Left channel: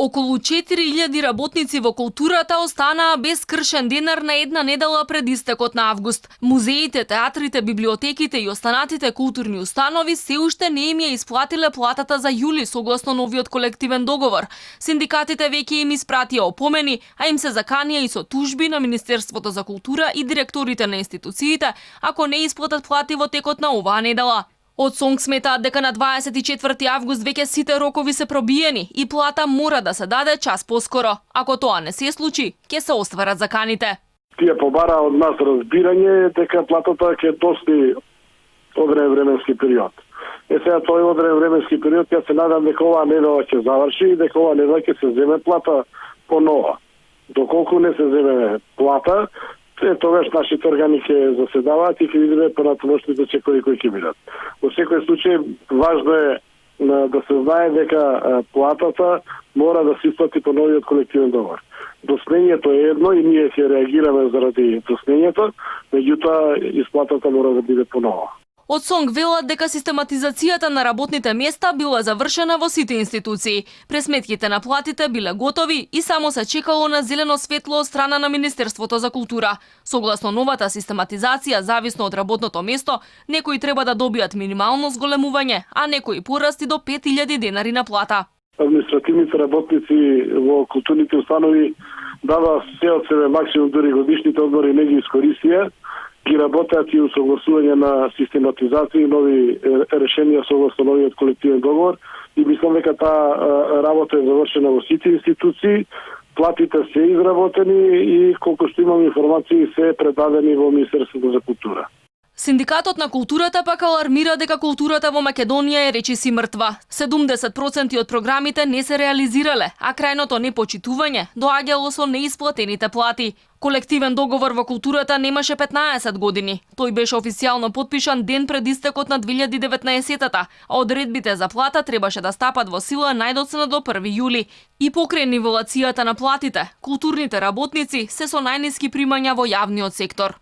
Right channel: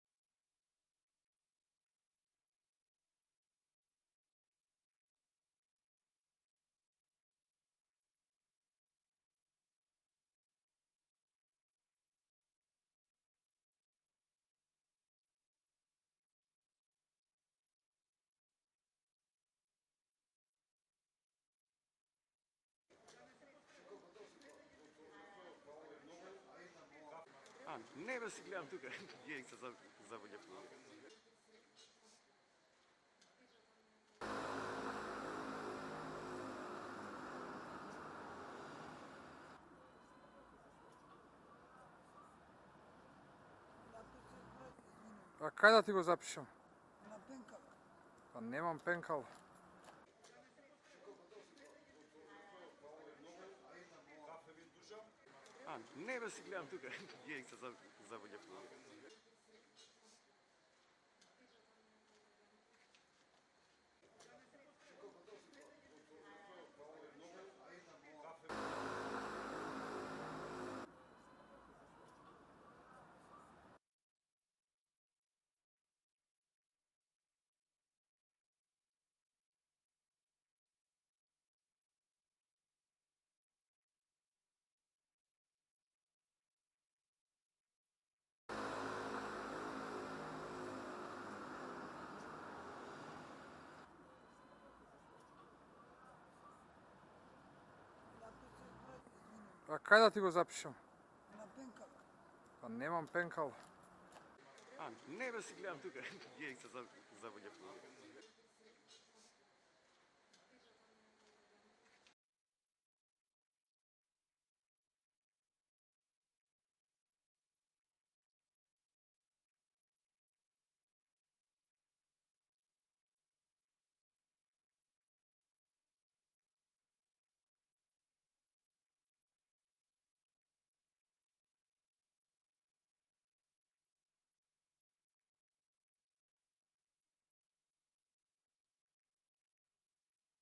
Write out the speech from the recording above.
Околу 4000 работници во културата останаа без кршен денар на една недела пред истекот на август. Музеите, театрите, библиотеките и останатите културни установи се уште не им ја исплатиле платата за јули согласно новиот колективен договор. Синдикатите веќе им испратија опомени, а им се заканија и со тужби на Министерството за култура и директорите на институциите ако не исплатат плати во текот на оваа недела. Од СОНГ сметаат дека на 24 август веќе сите рокови се пробиени и плата мора да се даде час поскоро. Ако тоа не се случи, ќе се остварат заканите. Тие побара од нас разбирање дека платата ќе достигне одреден временски период. Сега тој одреден временски период ја се надам дека оваа недела ќе заврши и дека оваа недела ќе се земе плата по нова. Доколку не се земе плата, тогаш нашите органи ќе заседаваат и ќе видиме понатамошните чекови кои ќе бидат. Во секој случај важно е да се знае дека платата мора да се исплати по новиот колективен договор. Доснењето е едно и ние ќе реагираме заради доснењето, меѓутоа исплатата мора да биде по нова. Од СОНГ велат дека систематизацијата на работните места била завршена во сите институции. Пресметките на платите биле готови и само се чекало на зелено светло од страна на Министерството за култура. Согласно новата систематизација, зависно од работното место, некои треба да добијат минимално зголемување, а некои порасти до 5000 денари на плата. Административните работници во културните установи дава се од себе максимум, дури годишните одмори не ги искористија, ги работеат и усогласување на систематизација и нови решенија согласно новиот колективен договор и мислам дека таа работа е завршена во сите институции, платите се изработени и колку што имам информации се предадени во Министерството за култура. Синдикатот на културата пак алармира дека културата во Македонија е речиси мртва. 70% од програмите не се реализирале, а крајното непочитување доаѓало со неисплатените плати. Колективен договор во културата немаше 15 години. Тој беше официјално потпишан ден пред истекот на 2019-та, а одредбите за плата требаше да стапат во сила најдоцна до 1 јули. И покрај нивелацијата на платите, културните работници се со најниски примања во јавниот сектор.